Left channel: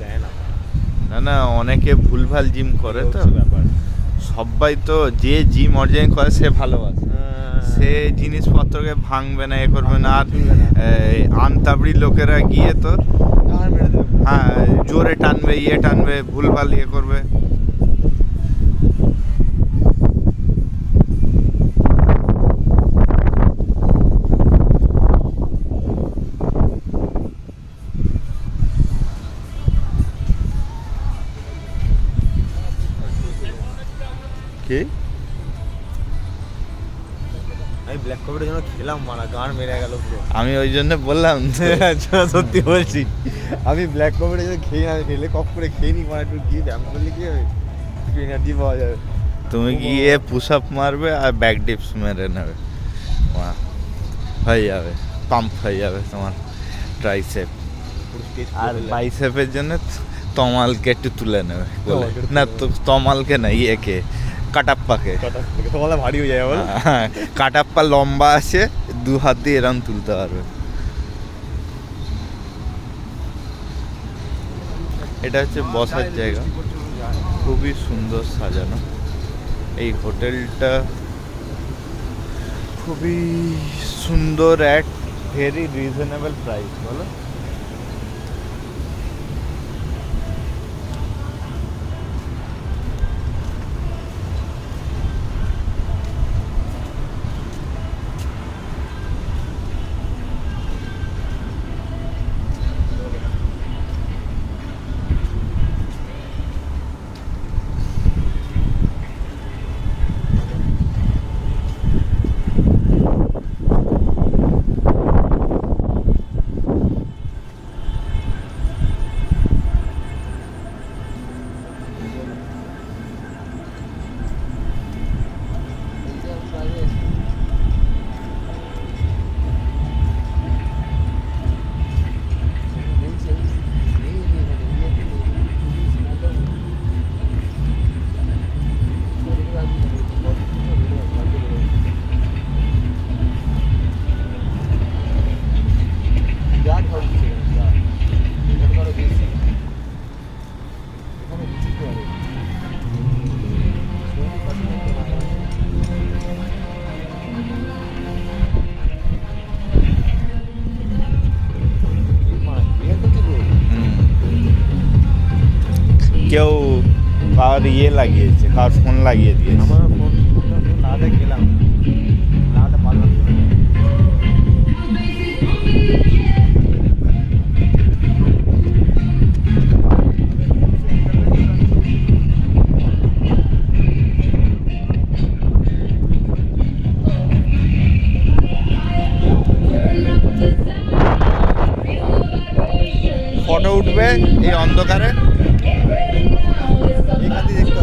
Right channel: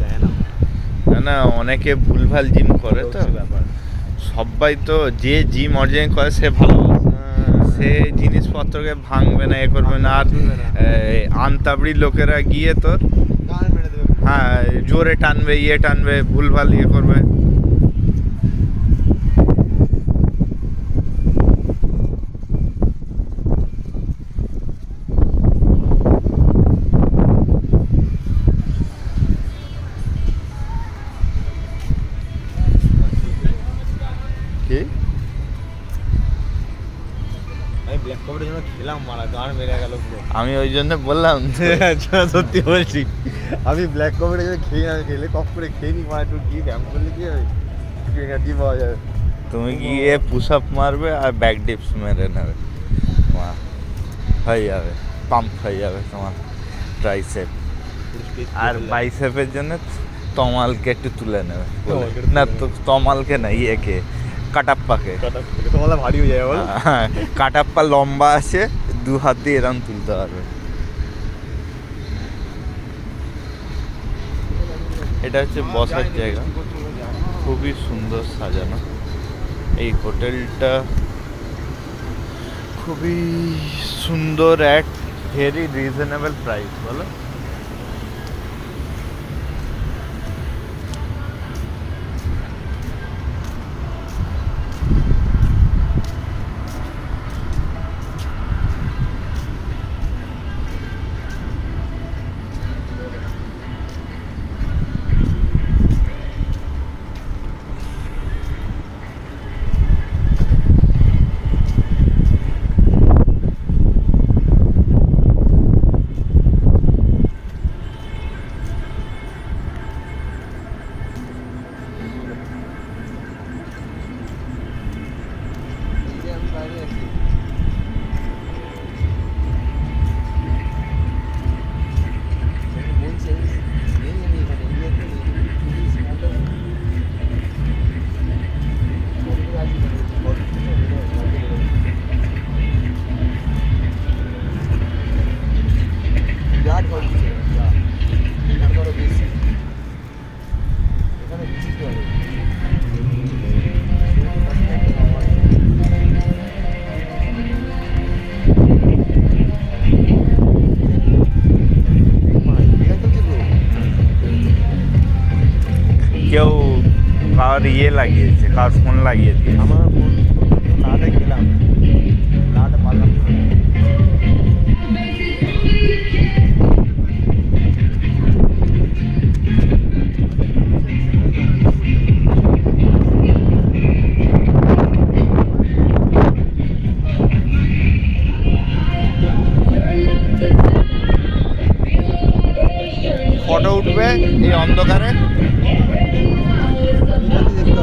দেয় না। না না, অনেকে ভুলভাল জিম করে তো ব্যাপার। সবাই তো যে জিম অরিজিনাল করে সে ভালোবাসে, সে জিনিসপত্রকে ভাঙবে না, এ করবে না। আর আনতাবড়ি লোকেরা গিয়ে তোর হ্যাঁ জোরে টানবে, ইয়ে টানবে, ভুলভাল ইয়ে করবে। কি আমি ব্ল্যাক কফিটার জন্য খেলাম, মারা গান মেরে গেল পুরো। আমি ওই জন্য বললাম সত্যি বলছি, আমি ব্ল্যাক কফিটা যদি খেলে কফ করে খেয়ে নি, মারা একটু গিয়ে ব্যায়াম করলে কি হবে, এনার্জি পাওয়া যাবে। তুমি গিয়ে পুশ আপ মারবে আর ব্যাক ডিপস মেরে নেবে, তোমার হয়ে যাবে, পাম্প হয়ে যাবে তোমার ট্রাইসেপ। আর বাইসেপের জন্য তমালকে একটু তুলে নেবে। না তো তমালকে না, ইয়েকে কাটাপ্পাকে। তোমার ভারী হয়ে যায় বল। হ্যাঁ, কাটাপ্পা লম্বা আছে, দু হাত দিয়ে এরম তুলতে হবে। এটা হচ্ছে বসার জায়গা, খুবই সুন্দর সাজানো। এই হোটেলটা খুবই সুন্দর, অ্যাট ভেরি রিজনেবল প্রাইস, বলো। কেউ কার ইয়ে লাগিয়েছে, কার ফোন লাগিয়ে দিয়েছে। আমার ফোন লাটে গেলাম, লাটে পারলাম না। ফটো উঠবে এই অন্ধকারে। এখান থেকে দেখতে